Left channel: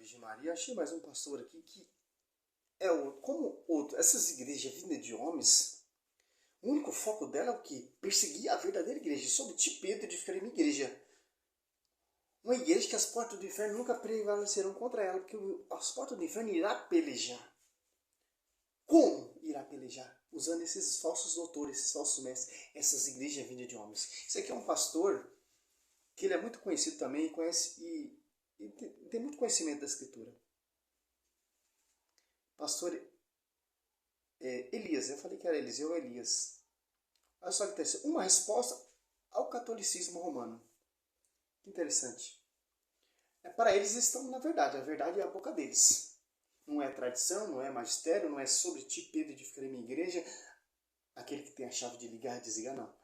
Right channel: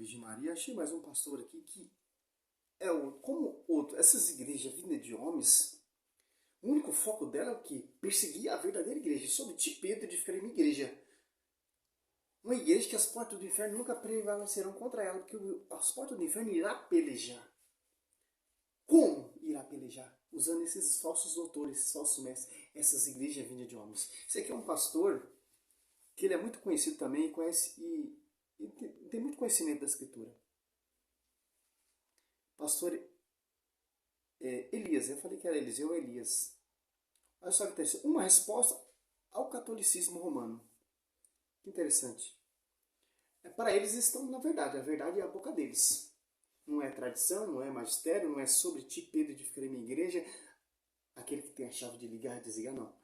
Virgem Maria. Achei mais um pastor aqui que como outro, essas igrejas vindas de homens, o único foco dela é o quê? Perseguir a verdadeira igreja, sob tipo Pedro de ficar em uma igreja. Uma igreja que as portas do inferno nunca prevalecerão contra ela, porque as portas do inferno irá pelejar. Como irá pelejar? Usando esses falsos doutores, esses falsos mestres, essas igrejas vindas de homens. Isso aqui é um pastor que ele é muito conhecido também e tem muito conhecimento da Escritura. Pastor Elias, eu falei que era Eliseu ou Elias. Olha só que interessante. Uma resposta ao catolicismo romano. Que interessante. Para eles estão na verdade. A verdade é a boca deles. Não é tradição, não é magistério, não é sobre ti, Pedro, de ficar em minha igreja. Aquele que tem a chave de ligar e desligar, não.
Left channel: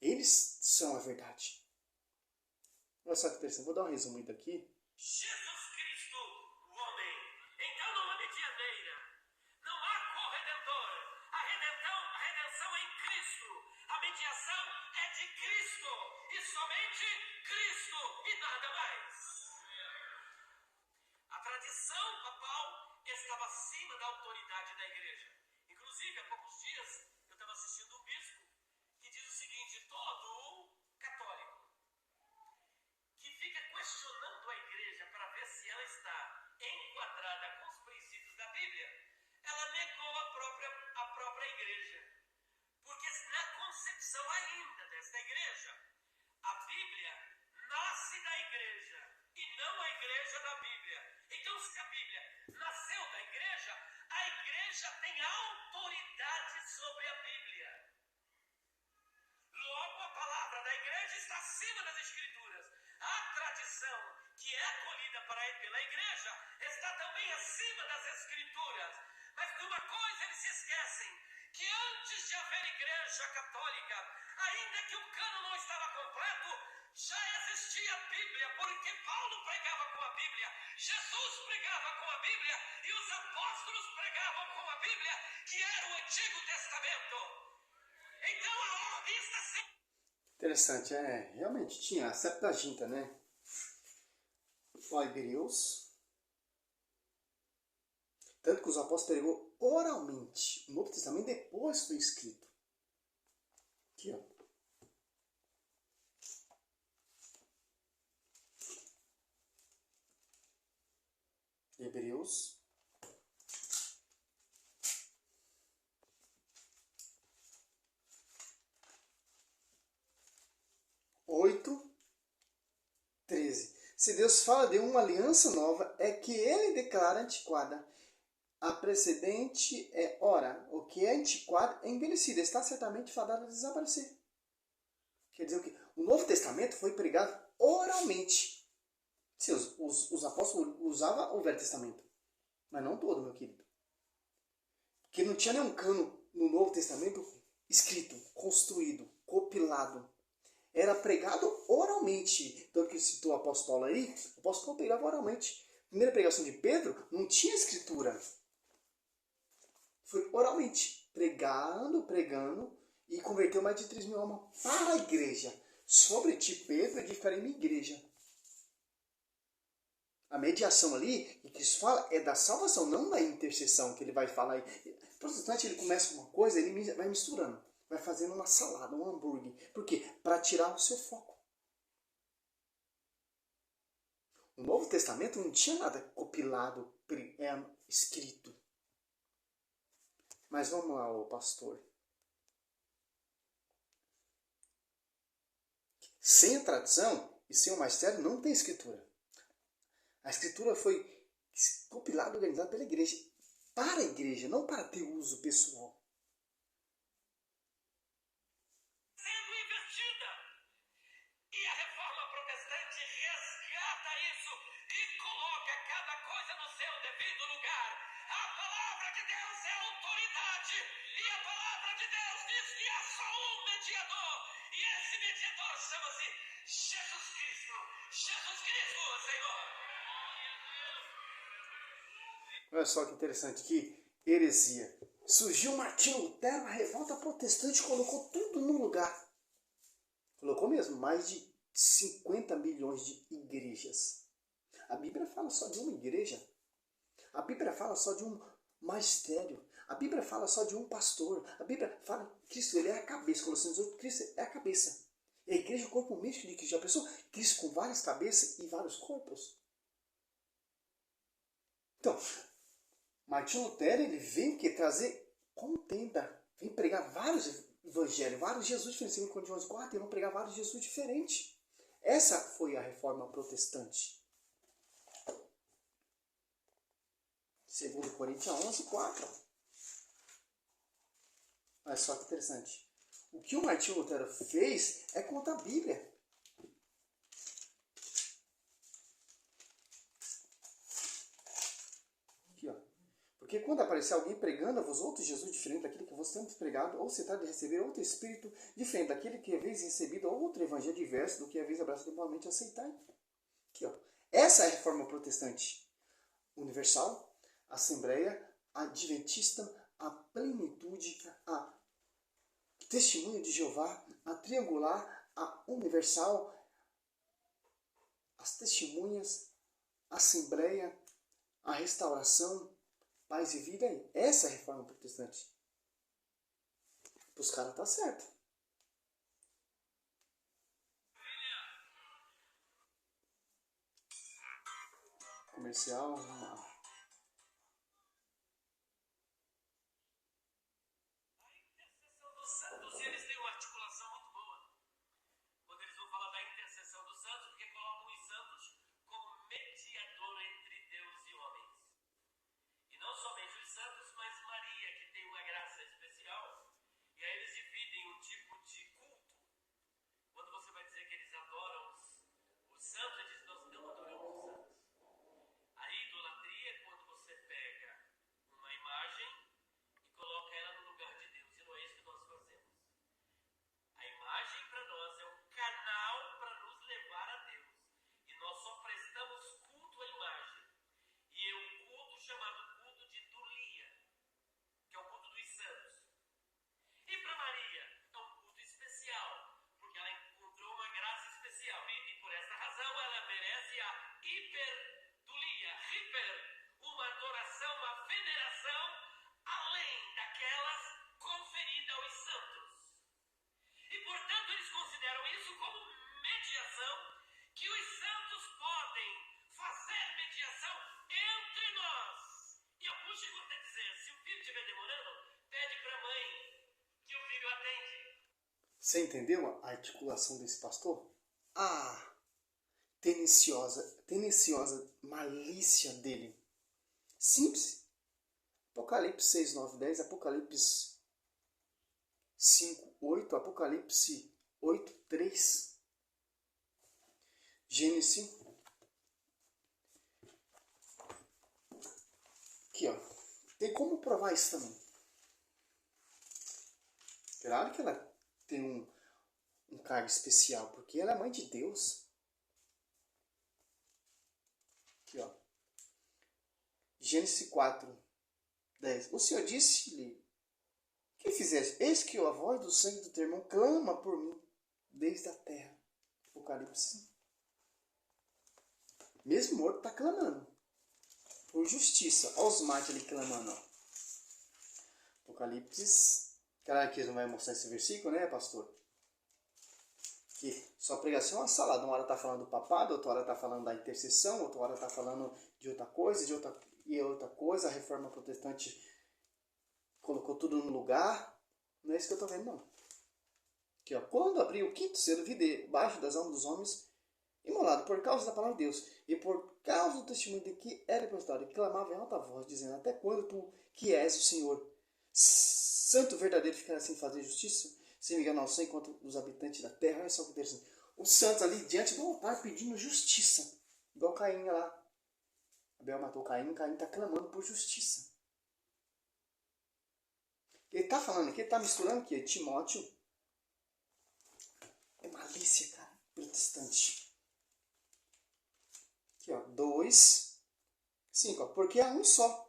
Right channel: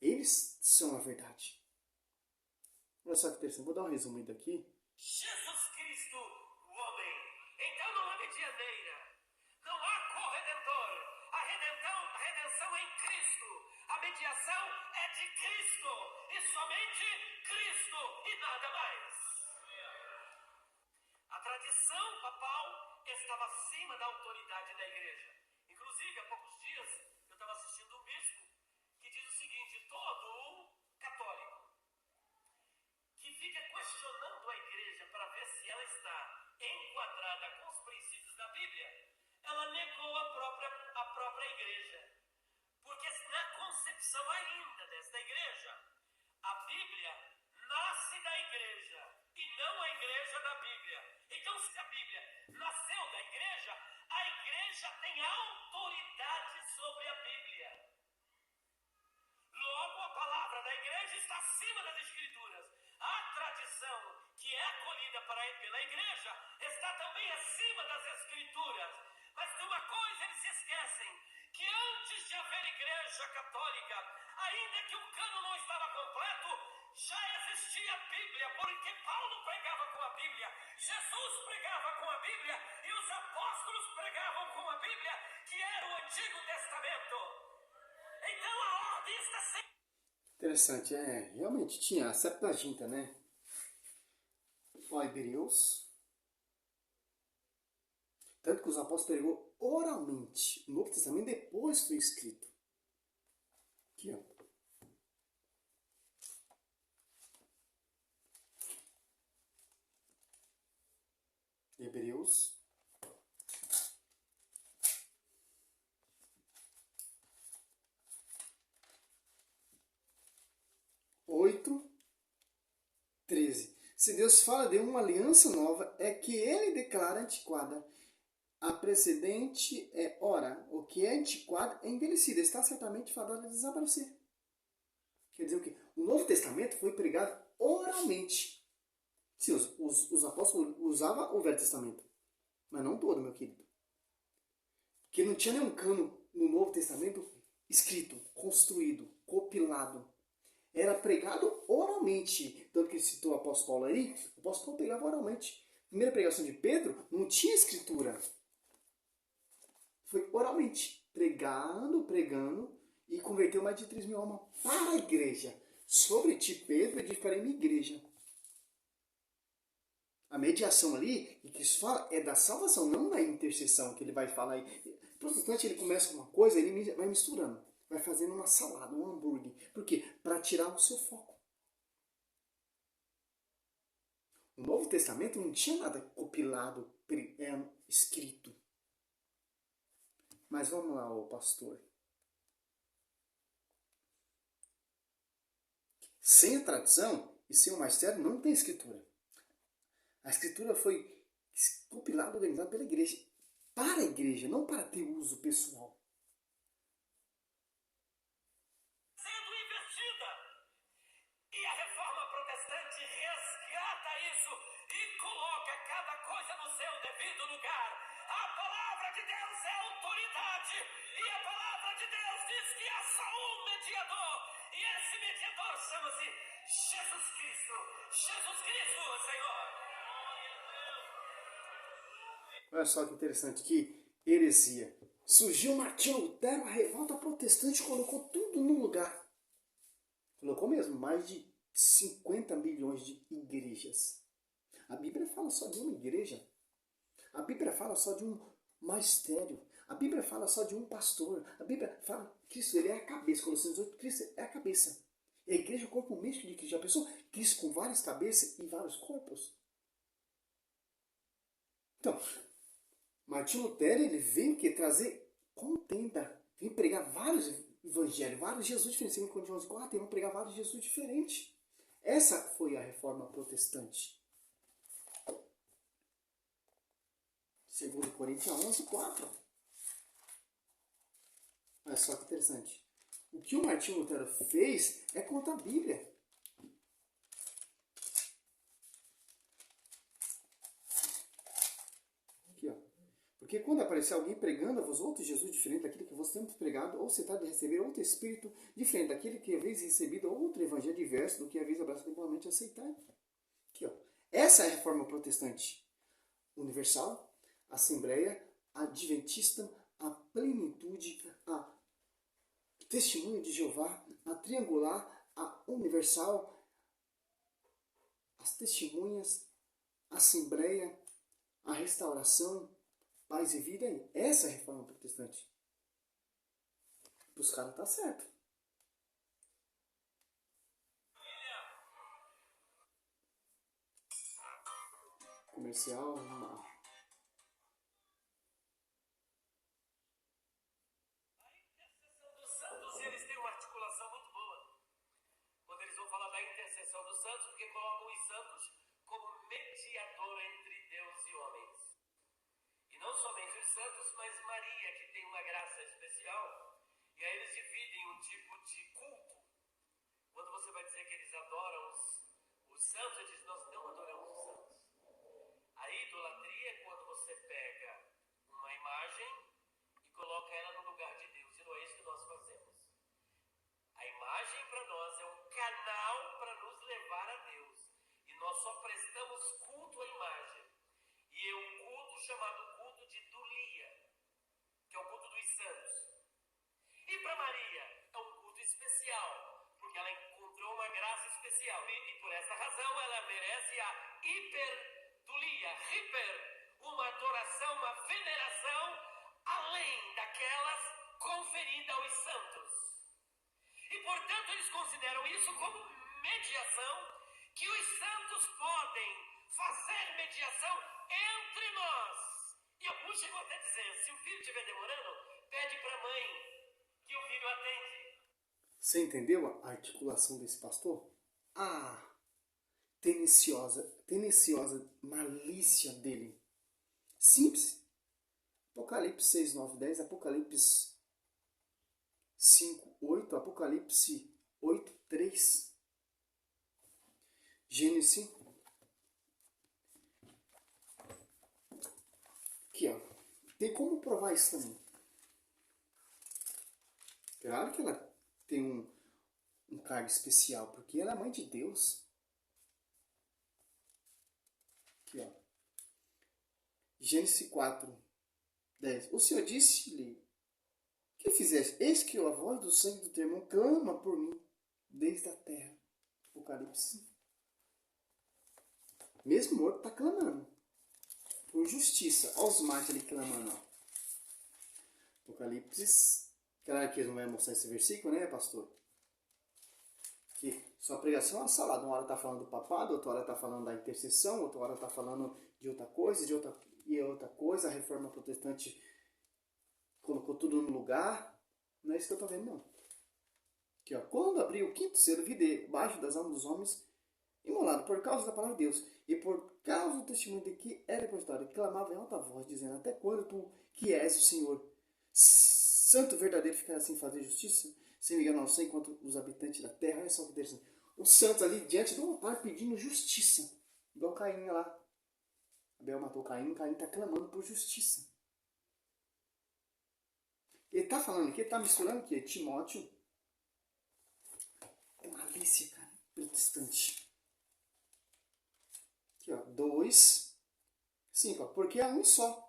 Eles são a verdade. Olha só que interessante. Vou dar um resumo daqui. Jesus Cristo, o homem. Então não há medianeira. Não há corredentor. A redenção é em Cristo. A mediação é de Cristo. E somente Cristo e nada mais. A tradição papal estava acima da autoridade da igreja. Inclusive, há poucos dias, eu estava assistindo um bispo que diz o seguinte: todo católico que fica questionando a igreja para ver se ela está enquadrada com os princípios da Bíblia, ela negou a própria igreja. Porque na concepção ainda desta igreja, a Bíblia nasce da igreja e não a igreja da Bíblia. Então, se a Bíblia nasceu da igreja, a igreja tem autoridade sobre a Bíblia. Logo, a palavra da igreja está acima das Escrituras. A tradição que é acolhida pela igreja está também acima das Escrituras. Mas de uma coisa eles se esquecem, que antes de haver igreja católica, ainda que o cânon não estava completo, já existia a Bíblia, porque Paulo pregava com a Bíblia, Jesus pregava com a Bíblia e os apóstolos pregavam com a Bíblia, que era o Antigo Testamento. Então a ordem está sempre... Interessante, realmente tinha a Septuaginta, né? O Hebreus. Tanto que os apóstolos pregou oralmente. O Novo Testamento depois foi escrito. Aqui, ó. Hebreus. Oito, 13. Se Deus fala de uma aliança nova, é que ele declara antiquada. A precedente o que é antiquado é envelhecido, está certamente fadado a desaparecer. Quer dizer o quê? O Novo Testamento foi pregado oralmente. Sim, os apóstolos usavam o Velho Testamento, mas não todo, meu querido. Porque não tinha nenhum cano no Novo Testamento escrito, construído, compilado. Era pregado oralmente. Tanto que citou o apóstolo Paulo aí, o apóstolo Paulo pregava oralmente. A primeira pregação de Pedro não tinha escritura. Foi oralmente, pregando, e converteu mais de 3 mil almas para a igreja. Sobre ti, Pedro, edificarei minha igreja. A mediação ali, que isso fala, é da salvação, não da intercessão que ele vai falar aí. O protestante, ele começa com uma coisa, ele vai misturando, vai fazendo uma salada, um hambúrguer. Por quê? Para tirar o seu foco. O Novo Testamento não tinha nada compilado, escrito. Mas vamos lá, ô pastor. Sem a tradição e sem o magistério não tem escritura. A escritura foi compilada e organizada pela igreja. Para a igreja, não para ter uso pessoal. Sendo invertida. E a reforma protestante resgata isso e coloca cada coisa no seu devido lugar. A palavra de Deus é autoridade. E a palavra de Deus diz que há só um mediador. E esse mediador chama-se Jesus Cristo. Jesus Cristo, Senhor. Olha só que interessante, que heresia. Surgiu Martinho Lutero, a revolta protestante colocou tudo no lugar. Colocou mesmo mais de 50 milhões de igrejas. A Bíblia fala só de uma igreja. A Bíblia fala só de um magistério. A Bíblia fala só de um pastor. A Bíblia fala que Cristo, ele é a cabeça. Colossenses 8, Cristo é a cabeça. E a igreja é o corpo místico de Cristo. Já pensou? Cristo com várias cabeças e vários corpos. Então, Martinho Lutero, ele veio que trazer contenda. Vem pregar vários evangelhos, vários Jesus diferentes. Segundo João 4, eles vão pregar vários Jesus diferentes. Essa foi a reforma protestante. Segundo Coríntios 11, 4. Olha só que interessante. O que o Martinho Lutero fez é contra a Bíblia. Aqui, ó. Porque quando aparecer alguém pregando a vós outros Jesus diferente daquele que vos temos pregado, ou se trata de receber outro Espírito diferente daquele que haveis recebido, outro Evangelho diverso do que haveis abraçado igualmente aceitar. Aqui, ó. Essa é a reforma protestante. Universal, Assembleia, Adventista, a plenitude, a testemunho de Jeová, a triangular, a universal, as testemunhas, a Assembleia, a restauração, paz e vida. Essa é a reforma protestante. Para os caras tá certo. Comercial, não. Porque colocam os santos como mediador entre Deus e homens. E não somente os santos, mas Maria, que tem uma graça especial. E aí eles dividem um tipo de culto. Quando você vai dizer que eles adoram os santos, eles dizem, nós não adoramos os santos. A idolatria é quando você pega uma imagem e coloca ela no lugar de Deus. E não é isso que nós fazemos. A imagem para nós é um canal para nos levar a Deus. E nós só prestamos culto à imagem. E é um culto chamado culto de Dulia, que é o culto dos santos. E para Maria é um culto especial, porque ela encontrou uma graça especial. E por essa razão ela merece a hiperdulia, uma adoração, uma veneração, além daquelas conferidas aos santos. E, portanto, eles consideram isso como mediação, que os santos podem fazer mediação entre nós. E alguns chegam até a dizer, se o filho estiver demorando, pede para a mãe que o filho atende. Você entendeu a articulação desse pastor? Ah, tendenciosa malícia dele. Simples. Apocalipse 6, 9, 10, Apocalipse 5, 8, Apocalipse 8, 3, Gênesis. Aqui, ó. Tem como provar isso também. Claro que ela tem um cargo especial, porque ela é mãe de Deus. Aqui, ó. Gênesis 4, 10. O Senhor disse-lhe, que fizeste? Eis que a voz do sangue do teu irmão clama por mim desde a terra. Apocalipse. Mesmo morto está clamando por justiça. Olha os mates ali clamando. Ó. Apocalipse. Claro que eles não vai mostrar esse versículo, né, pastor? Que sua pregação é uma salada. Uma hora está falando do papado, outra hora está falando da intercessão, outra hora está falando de outra coisa, outra coisa. A reforma protestante colocou tudo no lugar. Não é isso que eu estou vendo, não. Aqui, ó. Quando abri o quinto selo, vi debaixo das almas dos homens imolado por causa da palavra de Deus e por causa do testemunho de que era depositado, e clamava em alta voz, dizendo, até quando tu, que és o Senhor, santo verdadeiro, ficará sem fazer justiça, sem me enganar ao sangue contra os habitantes da terra? Olha só que interessante. Os santos ali diante do altar pedindo justiça, igual Caim lá. Abel matou Caim está clamando por justiça. Ele está falando aqui, ele está misturando aqui, Timóteo. É malícia, cara, protestante. Aqui, ó, 2, 5, ó, porque há um só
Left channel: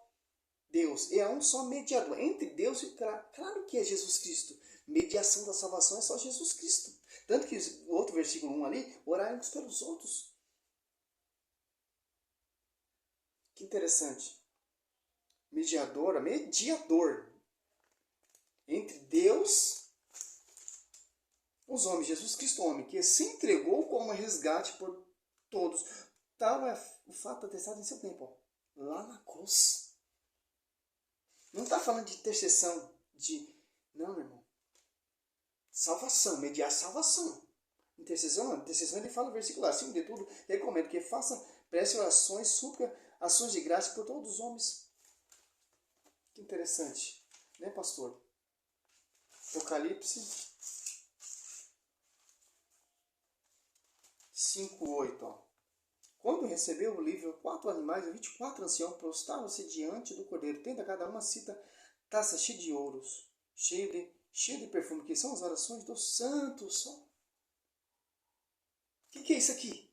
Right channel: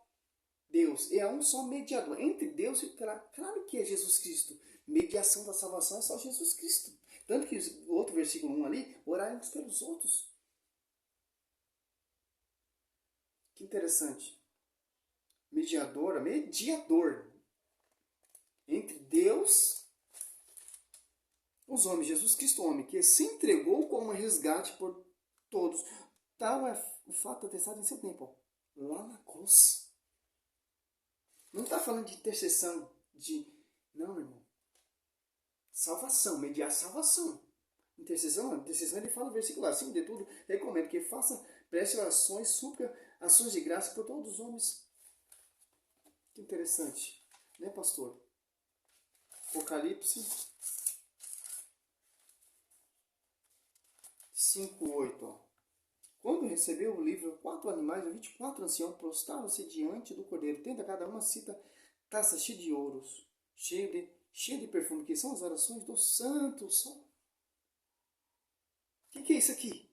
Deus, e há um só mediador entre Deus e o claro que é Jesus Cristo. Mediação da salvação é só Jesus Cristo. Tanto que o outro versículo 1 ali, orai uns pelos outros. Que interessante. Mediador entre Deus e os homens. Jesus Cristo, homem, que se entregou como resgate por todos. Tal é o fato atestado em seu tempo, ó, lá na cruz. Não está falando de intercessão, não, meu irmão. Salvação, mediar salvação. Intercessão ele fala no versículo lá, acima de tudo, recomendo que preste orações, súplica, ações de graça por todos os homens. Que interessante, né, pastor? Apocalipse 5:8, ó. Quando recebeu o livro, 4 animais e 24 anciãos prostraram-se diante do cordeiro, tendo a cada uma taça cheia de ouros, cheia de perfume, que são as orações dos santos. O que é isso aqui?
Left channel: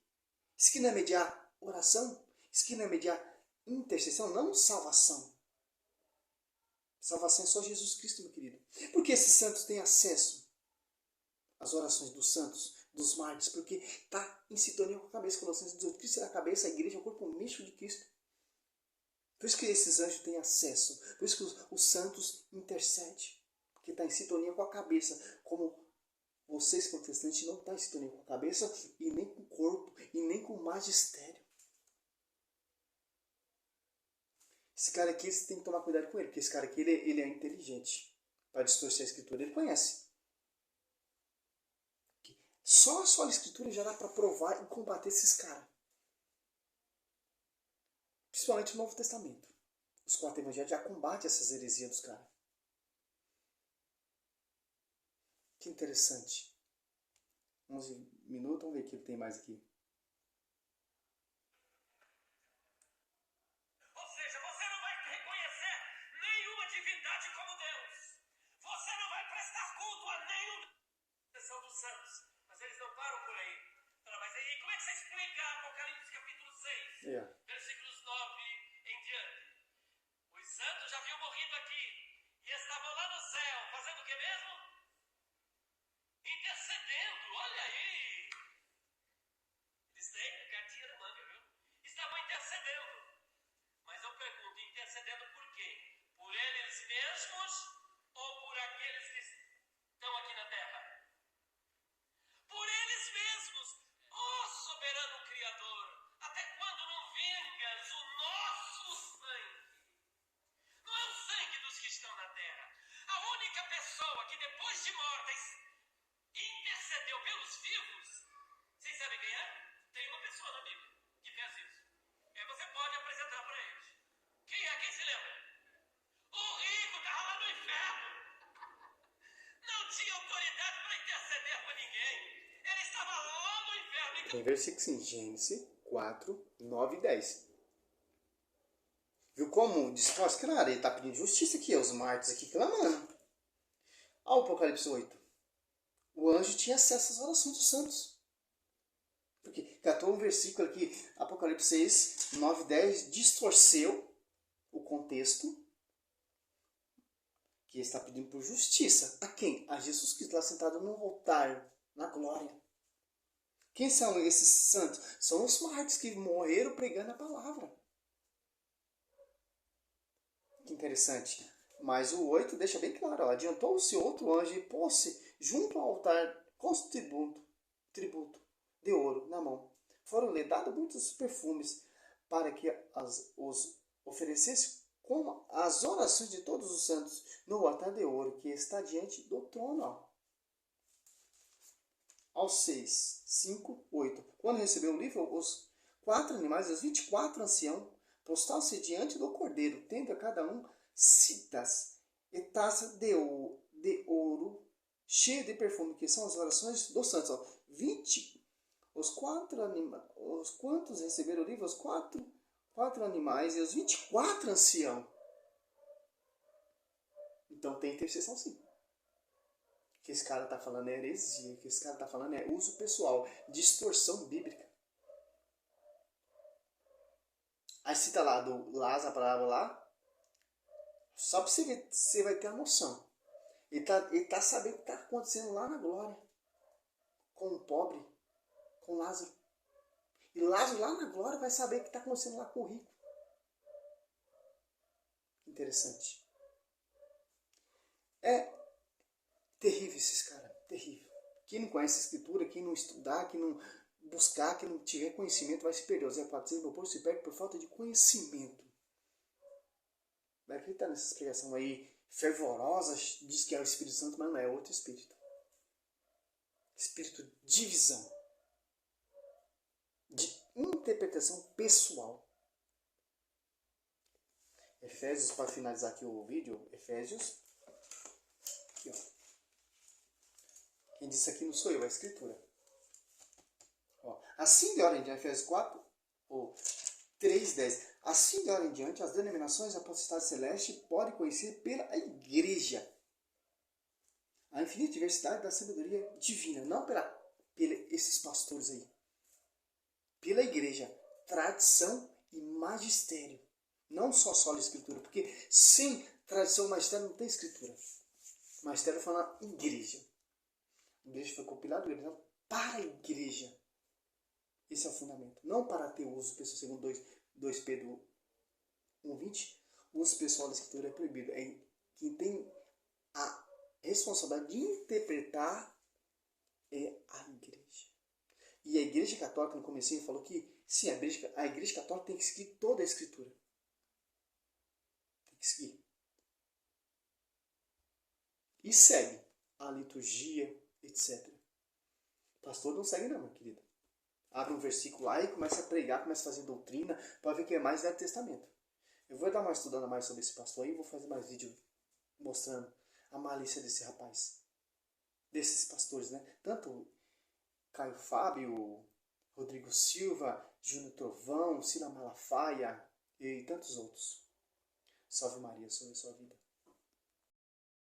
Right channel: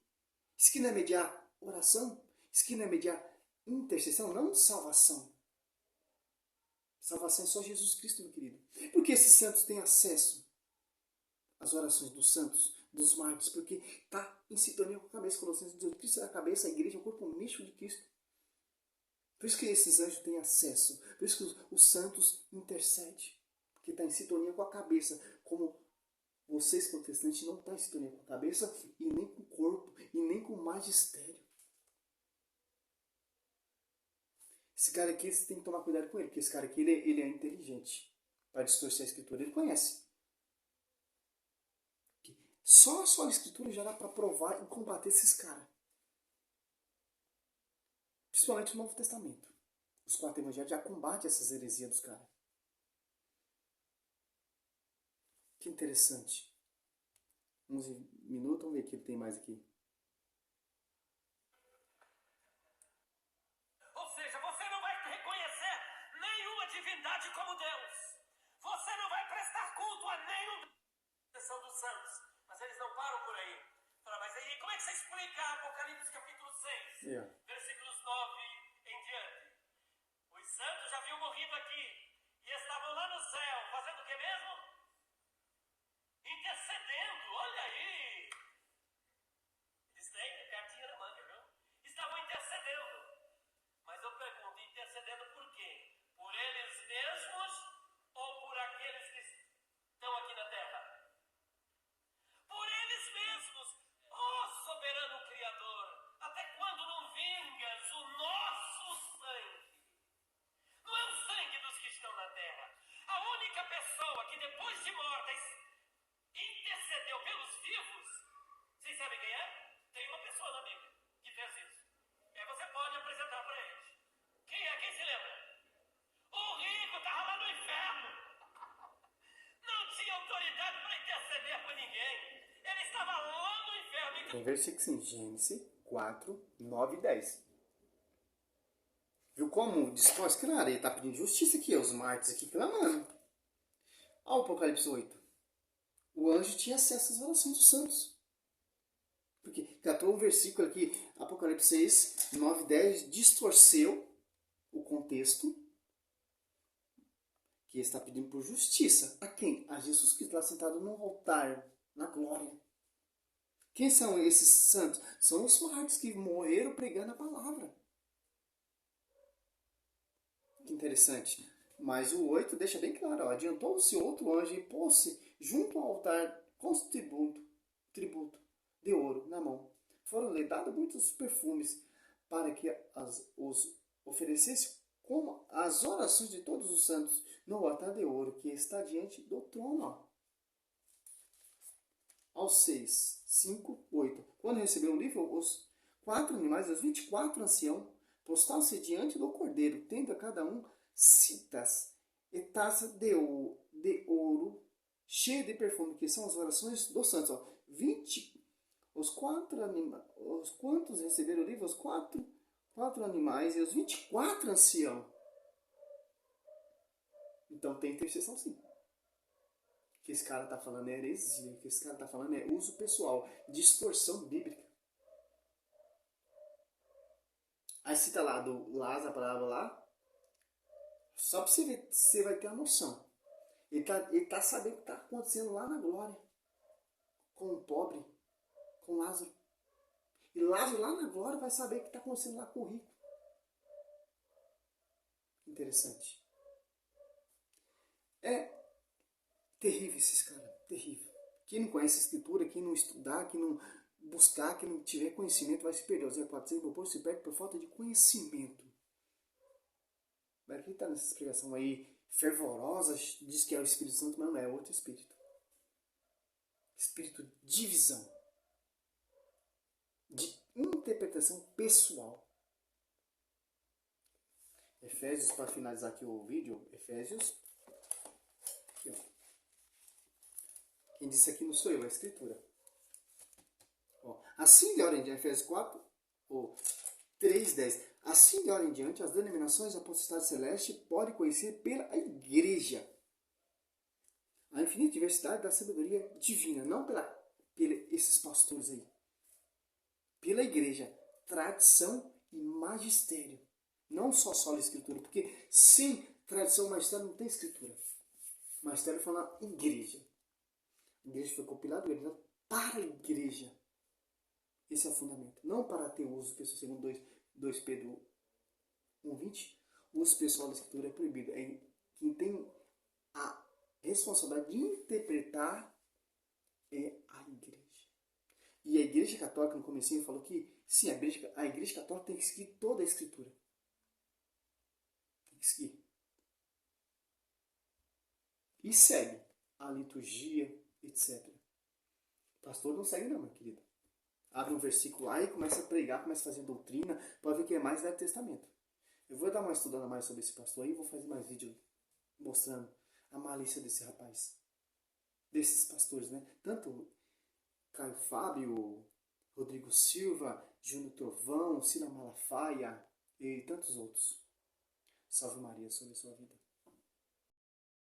Isso aqui não é mediar oração? Isso aqui não é mediar intercessão? Não salvação. Salvação é só Jesus Cristo, meu querido. Por que esses santos têm acesso às orações dos santos, dos mártires? Porque está em sintonia com a cabeça. Colossenses diz: Cristo é a cabeça, a igreja é o corpo místico de Cristo. Por isso que esses anjos têm acesso. Por isso que os santos intercedem. Porque está em sintonia com a cabeça. Como vocês, protestantes, não estão em sintonia com a cabeça e nem com o corpo e nem com o magistério. Esse cara aqui, você tem que tomar cuidado com ele, porque esse cara aqui, ele é inteligente. Para distorcer a escritura, ele conhece. Só a sola escritura já dá para provar e combater esses caras. Principalmente no Novo Testamento. Os 4 evangelhos já combatem essas heresias dos caras. Que interessante. 11 minutos, vamos ver o que tem mais aqui. Ou seja, você não vai reconhecer nenhuma divindade como Deus. Você não vai prestar culto a nenhum dos santos. Mas eles não param por aí. Fala, mas aí como é que você explica Apocalipse capítulo 6? Versículos 9 em diante. Os santos já haviam morrido aqui e estavam lá no céu, fazendo o que mesmo? Intercedendo, olha aí. Eles têm cartinha na manga, viu? Estavam intercedendo. Mas eu pergunto, intercedendo por quem? Por eles mesmos ou por aqueles que estão aqui na terra? Por eles mesmos, ó soberano Criador, até quando não vingas o nosso sangue? Não é o sangue dos que estão na terra. A única pessoa que depois de morta intercedeu pelos vivos, vocês sabem quem é? Tem uma pessoa na Bíblia que fez isso. E aí você pode apresentar para eles. Quem é? Quem se lembra? O rico estava lá no inferno. Não tinha autoridade para interceder por ninguém. Ele estava lá no inferno. Tem versículo assim, Gênesis 4, 9 e 10. Viu como distorce? Claro, ele está pedindo justiça aqui, os mártires aqui clamando. Ao Apocalipse 8. O anjo tinha acesso às orações dos santos. Porque catou um versículo aqui, Apocalipse 6, 9 e 10, distorceu o contexto, que está pedindo por justiça. A quem? A Jesus Cristo, lá sentado no altar, na glória. Quem são esses santos? São os mártires que morreram pregando a palavra. Que interessante. Mas o 8 deixa bem claro, adiantou-se outro anjo e pôs-se junto ao altar com tributo de ouro na mão. Foram-lhe dados muitos perfumes para que os oferecesse como as orações de todos os santos no altar de ouro que está diante do trono. Aos 6, 5, 8. Quando recebeu o livro, os 4 animais e os 24 anciãos postaram-se diante do cordeiro, tendo a cada um citas e taça de ouro cheia de perfume, que são as orações dos santos. 20, os quantos receberam o livro? Os 4 animais e os 24 anciãos. Então tem intercessão sim. O que esse cara está falando é heresia. O que esse cara está falando é uso pessoal, distorção bíblica. Aí cita lá do Lázaro, a palavra lá, só para você ver, você vai ter a noção. Ele tá sabendo o que está acontecendo lá na glória. Com o pobre, com Lázaro. E Lázaro lá na glória vai saber o que está acontecendo lá com o rico. interessante. É terrível esses caras, terrível. Quem não conhece a escritura, quem não estudar, quem não buscar, quem não tiver conhecimento, vai se perder. O Zé pode dizer, meu povo se perde por falta de conhecimento. Vai acreditar nessa explicação aí fervorosa, diz que é o Espírito Santo, mas não é outro espírito. Espírito de visão, de interpretação pessoal. Efésios, para finalizar aqui o vídeo, Efésios. Aqui, ó. Quem disse aqui não sou eu, é a Escritura. Ó, assim de hora em diante, Efésios 4, ou 3:10. Assim de hora em diante, as denominações da potestade celeste podem conhecer pela igreja a infinita diversidade da sabedoria divina, não pela esses pastores aí. Pela igreja, tradição e magistério. Não só sola escritura, porque sem tradição e magistério não tem escritura. Magistério fala igreja. A igreja foi compilada para a igreja. Esse é o fundamento. Não para ter uso, pessoal, segundo 2 Pedro 1:20. O uso pessoal da escritura é proibido. É quem tem a responsabilidade de interpretar é a igreja. E a igreja católica, no comecinho, falou que sim, a igreja católica tem que seguir toda a escritura. Tem que seguir. E segue a liturgia, etc. O pastor não segue não, meu querido. Abre um versículo lá e começa a pregar, começa a fazer doutrina, para ver que é mais Velho Testamento. Eu vou dar uma estudada mais sobre esse pastor aí, vou fazer mais vídeo mostrando a malícia desse rapaz. Desses pastores, né? Tanto Caio Fábio, Rodrigo Silva, Júnior Trovão, Sila Malafaia e tantos outros. Salve Maria sobre a sua vida.